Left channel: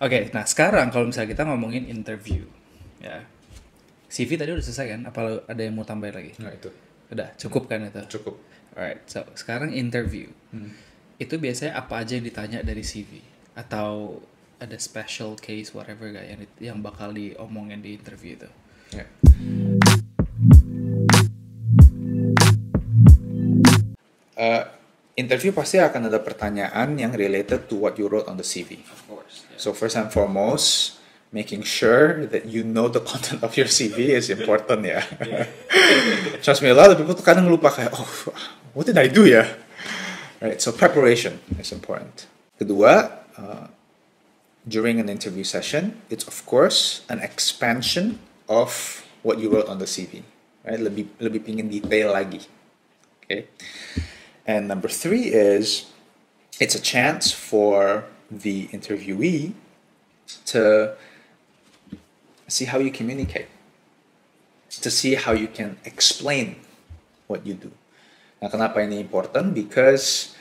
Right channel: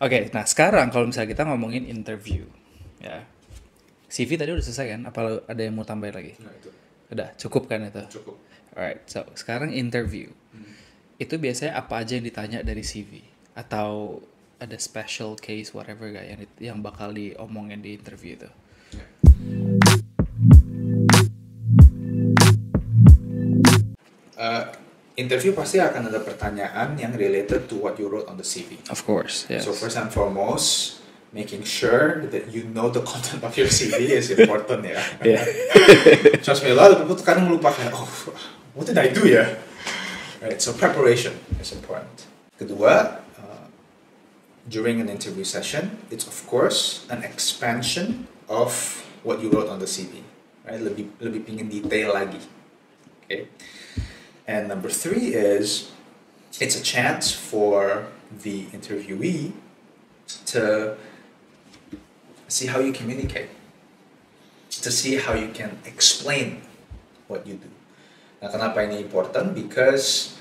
Oke, nah sekarang kalau misalnya kita ngomongin interview, ya. CV tadi udah selesai kan? Apa ada yang mau tambahin lagi? Nah itu Udah, cukup kan itu? cukup. Alright, so sekarang interview. Itu biasanya apa aja yang ditanya dari CV? Atau ada special case whatever gak yang bakal diomongin di interview itu? Ya. Interview pasti akan ada pertanyaan yang related to what you wrote on the CV. Of course, yes. So first and foremost, making sure that you know the content of your CV is important ya. Yeah. Trust me, a lot of people kadang lupa kayak, oh, what did I do ya? Right, so preparation is important. Kedua, during an interview session, it's of course an expansion of what you wrote on the CV. Right, lebih pingin detail lagi. Okay. And number 3 is it's a chance for the interviewee to see how you communicate, to see how you can explain what you do. Nah, kenapa ini important? Because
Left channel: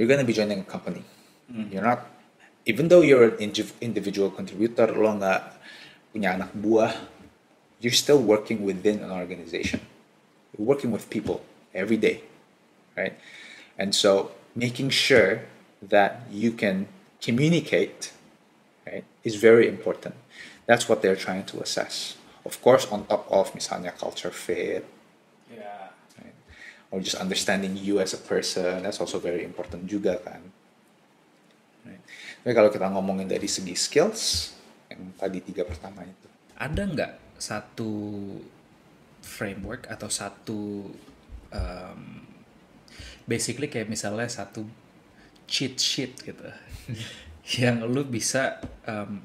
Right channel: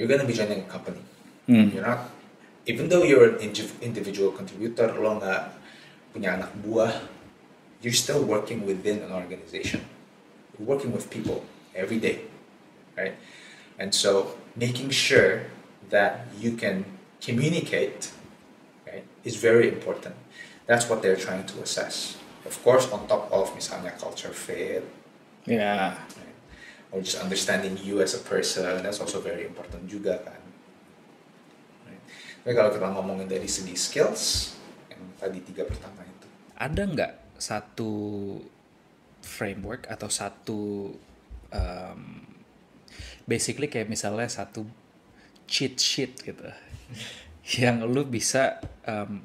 you're going to be joining a company. You're not, even though you're an individual contributor, lo nggak punya anak buah, you're still working within an organization. You're working with people every day, right? And so making sure that you can communicate, right, is very important. That's what they're trying to assess. Of course, on top of misalnya culture fit, Yeah. right? Or just understanding you as a person, that's also very important juga kan. Right? Tapi kalau kita ngomongin dari segi skills, yang tadi 3 pertama itu. Ada nggak satu framework atau satu basically kayak misalnya satu cheat sheet gitu yang lu bisa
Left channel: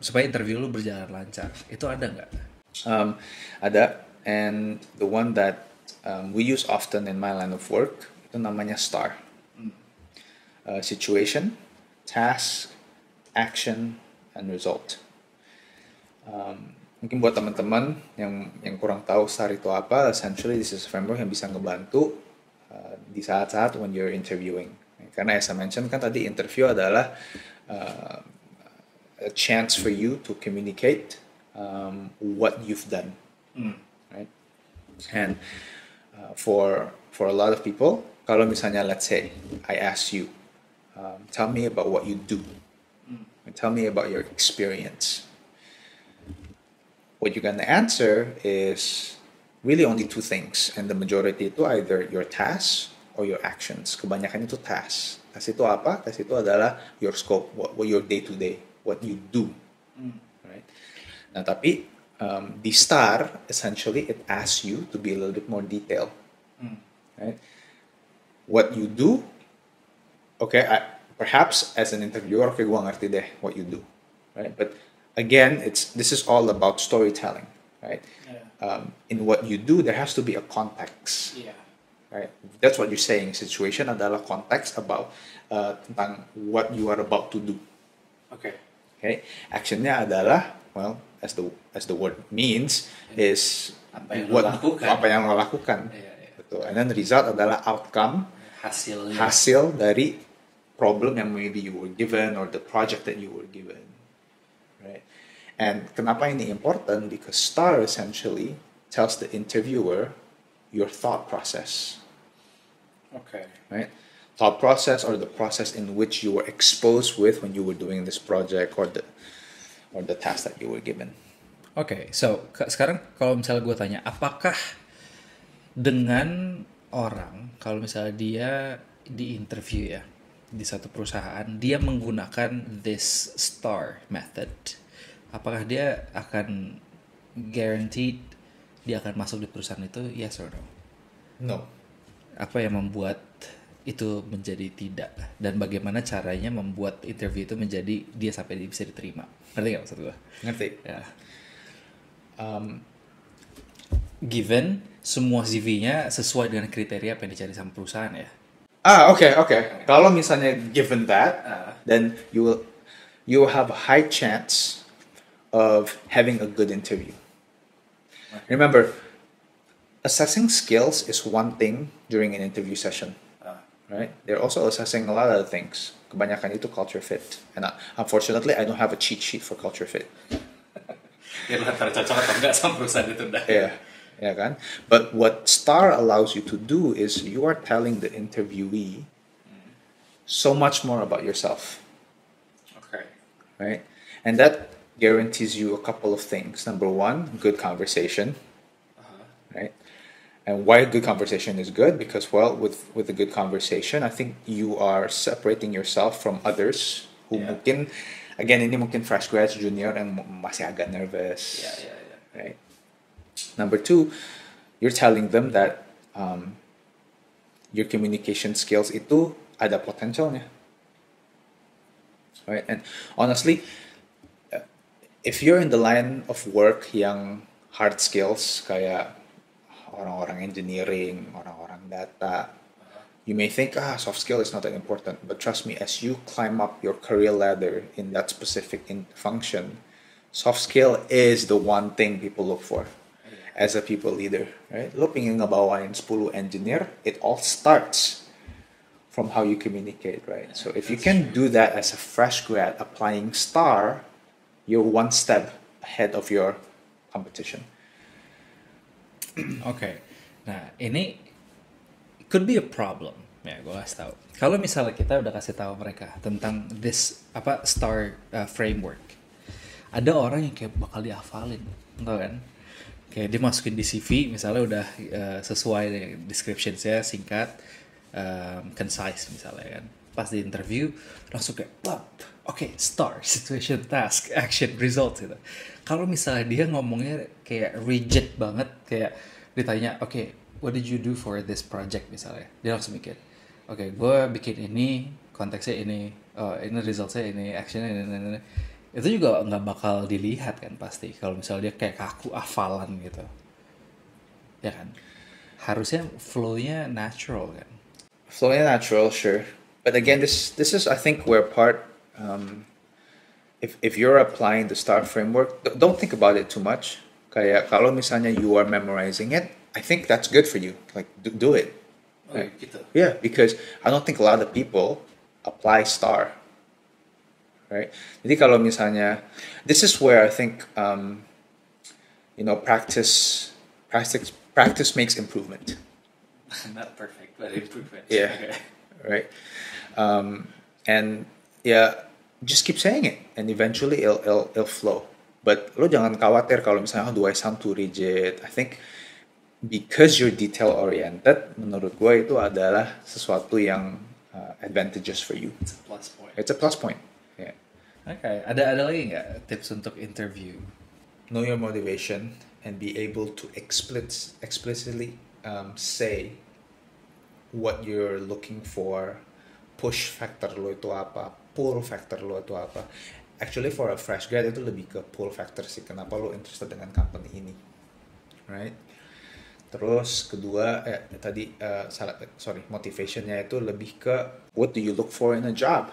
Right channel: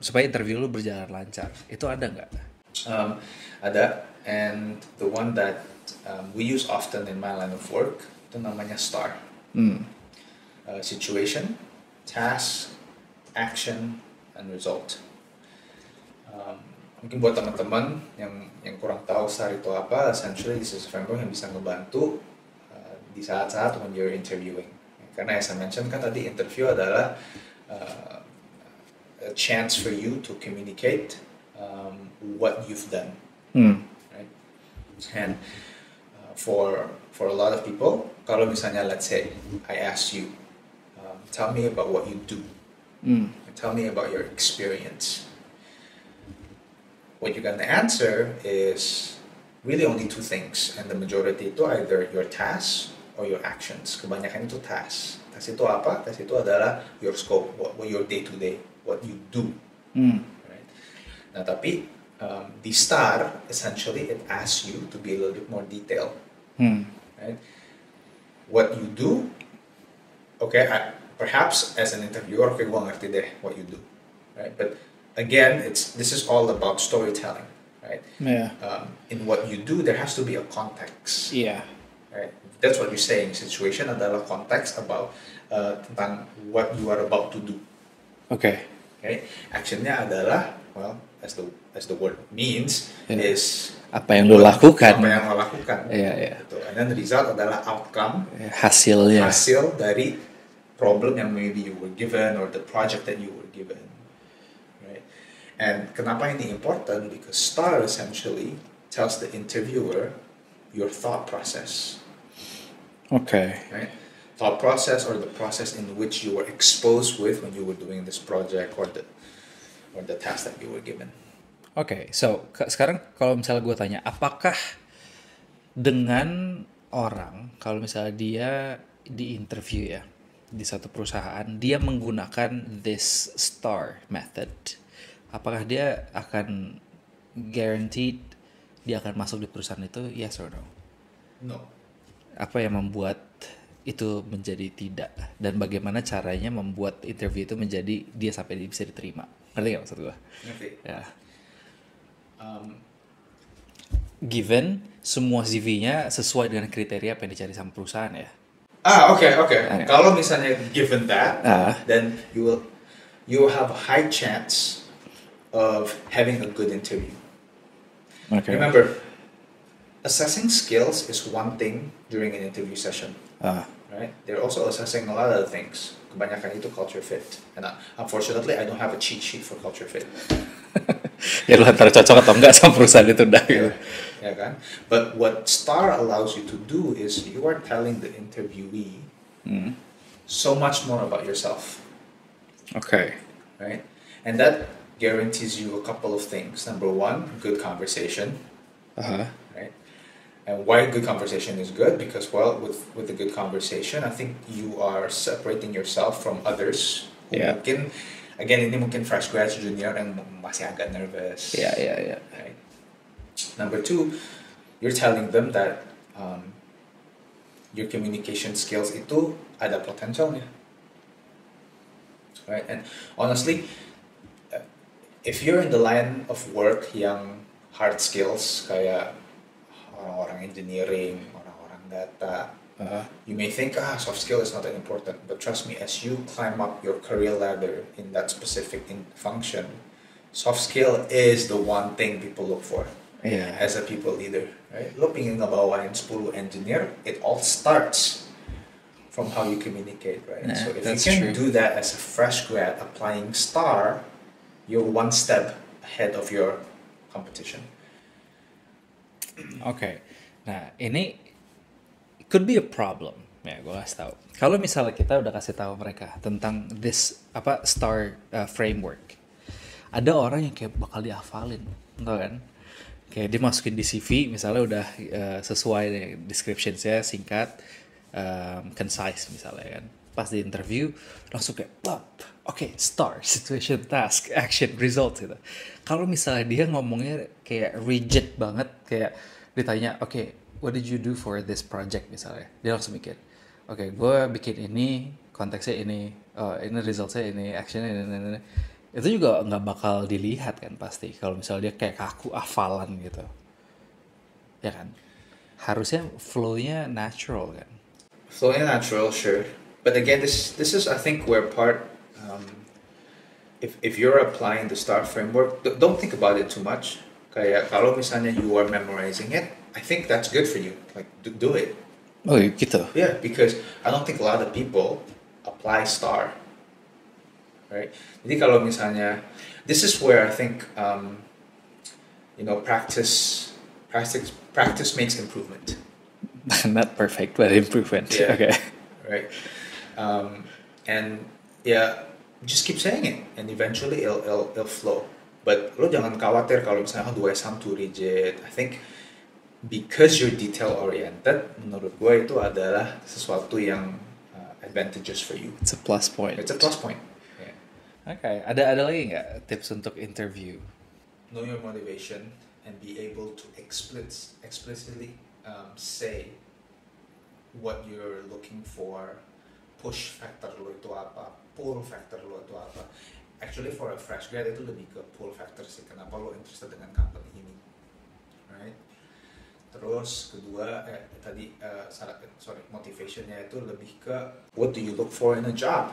supaya interview lu berjalan lancar, itu ada nggak? Ada, and the one that we use often in my line of work itu namanya STAR. Situation, task, action, and result. Mungkin buat teman-teman yang kurang tahu STAR itu apa, essentially this is a framework yang bisa ngebantu di saat-saat when you're interviewing. Karena as I mentioned kan tadi interview adalah a chance for you to communicate what you've done, right? And for a lot of people, kalau misalnya let's say I ask you, tell me about what you do, tell me about your experience. What you're gonna answer is really only 2 things, and the majority itu either your tasks or your actions. Kebanyakan itu tasks. Task itu apa? Task itu adalah your scope, what your day to day, what you do. Right? Nah, tapi di STAR, essentially it asks you to be a little bit more detailed. Right? What you do, okay, perhaps as an interviewer, okay, gua ngerti deh what you do, right? But again, this is all about storytelling, right? Yeah. In what you do, there has to be a context. Iya. Right? That's what you're saying. Situation adalah konteks about tentang what you are about to do. Oke. Okay? Actionnya adalah, well, as the word means, is Apa yang lo lakukan. Apa yang lo lakukan. Iya, iya. Gitu. And then the result adalah outcome, Hasilnya. hasil dari problem yang maybe you were given or the project that you were given. Right? And kenapa ini important? Because STAR essentially tells the interviewer your thought process. Oke. Right? Thought process, or the process in which you were exposed with when you were doing this project or the task that you were given. Oke, so sekarang kalau misalnya gue tanya, apakah dengan orang, kalau misalnya dia di interview ya, di satu perusahaan, dia menggunakan this STAR method, apakah dia akan guaranteed dia akan masuk di perusahaan itu, yes or no? No. Apa yang membuat itu menjadi tidak, dan bagaimana caranya membuat interview itu menjadi dia sampai bisa diterima? Ngerti gak maksud gue? Ngerti. Ya. Given semua CV-nya sesuai dengan kriteria apa yang dicari sama perusahaan ya. Oke. Kalau misalnya given that, then you will have a high chance of having a good interview. Okay. Remember, assessing skills is one thing during an interview session. right? They're also assessing a lot of other things. Kebanyakan itu culture fit. And unfortunately, I don't have a cheat sheet for culture fit. Ya lu antara cocok atau enggak sama perusahaan itu udah. Yeah, yeah kan? But what STAR allows you to do is you are telling the interviewee so much more about yourself, Oke. right? And that guarantees you a couple of things. Number one, good conversation, right? And why good conversation is good? Because, well, with a good conversation, I think you are separating yourself from others who mungkin, again, ini mungkin fresh grads, junior yang masih agak nervous. Yeah. Right? Number two, you're telling them that your communication skills itu ada potensialnya. Right? And honestly, if you're in the line of work yang hard skills, kayak orang-orang engineering, orang-orang data, you may think, soft skill is not that important. But trust me, as you climb up your career ladder in that specific function, soft skill is the one thing people look for as a people leader. Right? Lo pingin ngebawain 10 engineer, it all starts from how you communicate, right? Yeah, so if you that's can true. do that as a fresh grad applying STAR, you're one step ahead of your competition. Oke. Nah, ini could be a problem. Ya, gue kasih tahu. Kalau misalnya kita udah kasih tahu mereka tentang this STAR framework, ada orang yang kayak bakal dihafalin, tau kan? Kayak dia masukin di CV, misalnya udah sesuai dengan description-nya, singkat, concise misalnya kan. Pas di interview langsung kayak oke, STAR, situation, task, action, result gitu. Kalau misalnya dia ngomongnya kayak rigid banget, kayak ditanya, oke, what did you do for this project misalnya, dia langsung mikir, oke, gue bikin ini, konteksnya ini, ini resultnya ini, actionnya ini. Itu juga nggak bakal dilihat kan pasti kalau misalnya dia kayak kaku hafalan gitu, ya kan? Harusnya flow-nya natural kan. Flowing natural, sure. But again, this is I think where part if you're applying the STAR framework, don't think about it too much. Kayak kalau misalnya you are memorizing it, I think that's good for you. Like do it. Oh gitu. Yeah, because I don't think a lot of people apply STAR. Right. Jadi kalau misalnya, this is where I think practice makes improvement. Not perfect, but improvement. Yeah. Okay. Right. And just keep saying it, and eventually it'll flow. But lo jangan khawatir kalau misalnya do I sound too rigid. I think because you're detail oriented, menurut gue itu adalah sesuatu yang advantageous for you. It's a plus point. It's a plus point. Yeah. Okay. Ada lagi nggak tips untuk interview? Know your motivation and be able to explicitly say what you're looking for. Push factor lo itu apa, pull factor lo itu apa. Actually for a fresh grad itu lebih ke pull factor sih, kenapa lo interested dengan company ini, right? Terus kedua motivationnya itu lebih ke what do you look for in a job?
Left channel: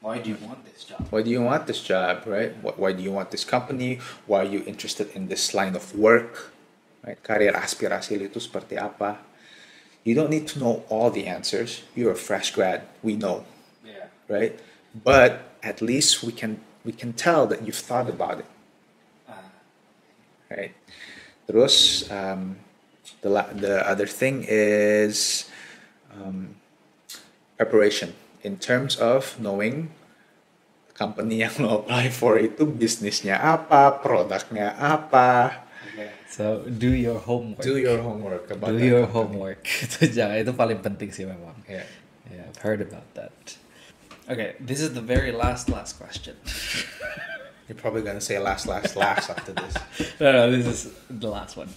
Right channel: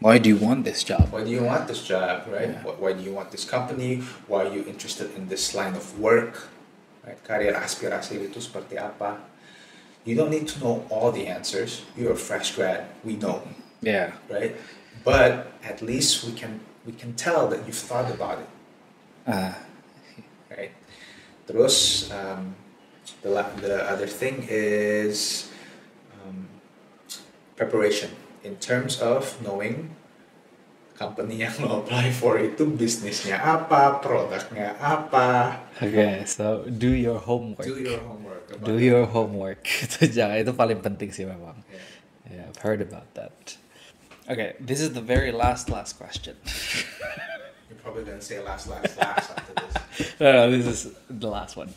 Why do you want this job? Why do you want this job, right? Yeah. Why do you want this company? Why are you interested in this line of work? Right? Karir aspirasi itu seperti apa? You don't need to know all the answers. You're a fresh grad. We know. Yeah. Right? But at least we can tell that you've thought about it. Right? Terus the other thing is preparation in terms of knowing company yang lo apply for itu bisnisnya apa, produknya apa. Okay, so do your homework. Do your homework. Do your homework. Itu paling penting sih memang. Yeah. I've heard about that. Okay, this is the very last question. You're probably gonna say last after this. No, this is the last one.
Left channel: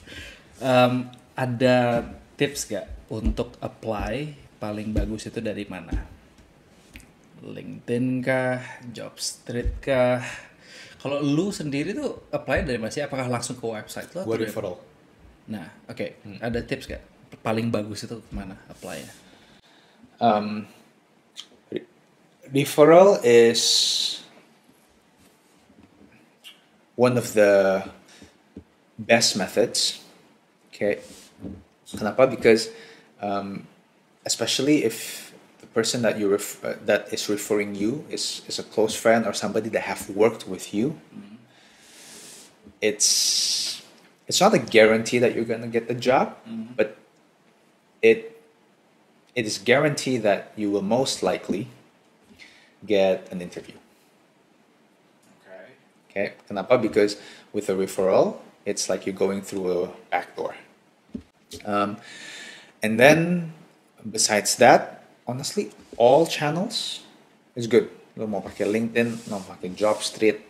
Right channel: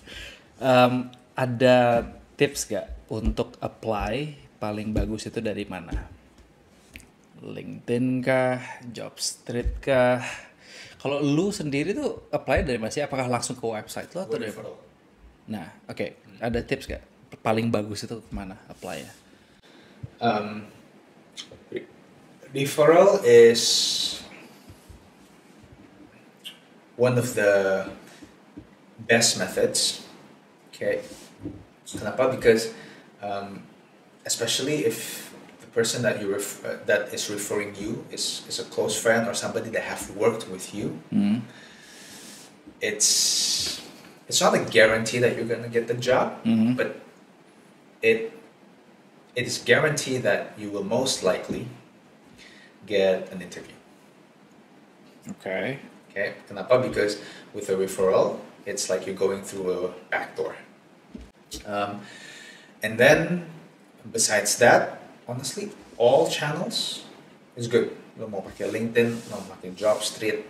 Ada tips gak untuk apply paling bagus itu dari mana? LinkedIn kah? Jobstreet kah? Kalau lu sendiri tuh apply dari mana sih? Apakah langsung ke website lo? Gue referral. Nah, oke. Ada tips gak? Paling bagus itu kemana apply-nya? Referral is one of the best methods. Okay. Kenapa? Because especially if the person that that is referring you is a close friend or somebody that have worked with you. It's not a guarantee that you're gonna get the job, but it is guaranteed that you will most likely get an interview. Okay. Okay, kenapa? Because with a referral, it's like you're going through a back door. And then, besides that, honestly, all channels is good. Lo mau pakai LinkedIn, lo mau pakai JobStreet,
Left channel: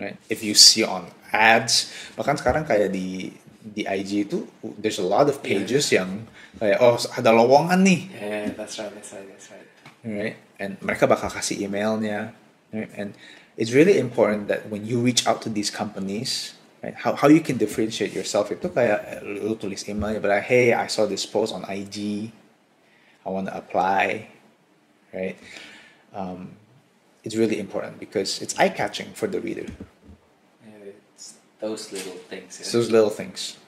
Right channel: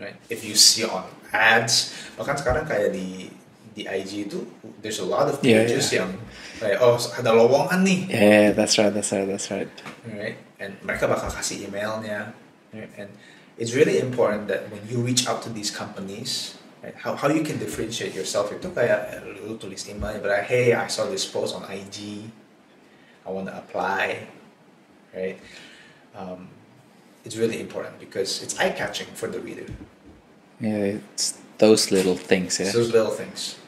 right? If you see on ads, bahkan sekarang kayak di IG itu, there's a lot of pages yang kayak, oh ada lowongan nih. Yeah, that's right. Right? And mereka bakal kasih emailnya, right? And it's really important that when you reach out to these companies, right, how you can differentiate yourself itu kayak lu tulis email, but like, hey, I saw this post on IG, I want to apply, right? It's really important because it's eye-catching for the reader. Yeah, it's those little things. It's those little things.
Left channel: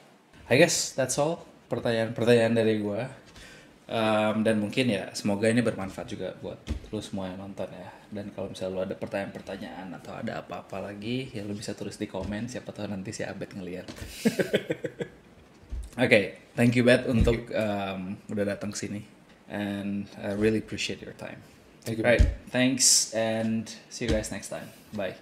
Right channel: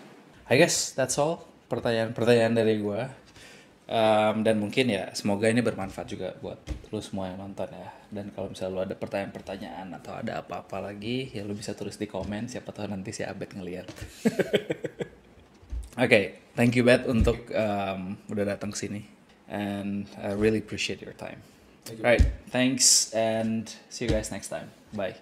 I guess that's all pertanyaan dari gue. Dan mungkin ya semoga ini bermanfaat juga buat lu semua yang nonton ya. Dan kalau misalnya lu ada pertanyaan-pertanyaan atau ada apa-apa lagi, ya lu bisa tulis di komen. Siapa tahu nanti si Abed ngeliat. Okay, thank you Abed untuk udah datang sini. And I really appreciate your time. Thank you. Right, thanks and see you guys next time. Bye.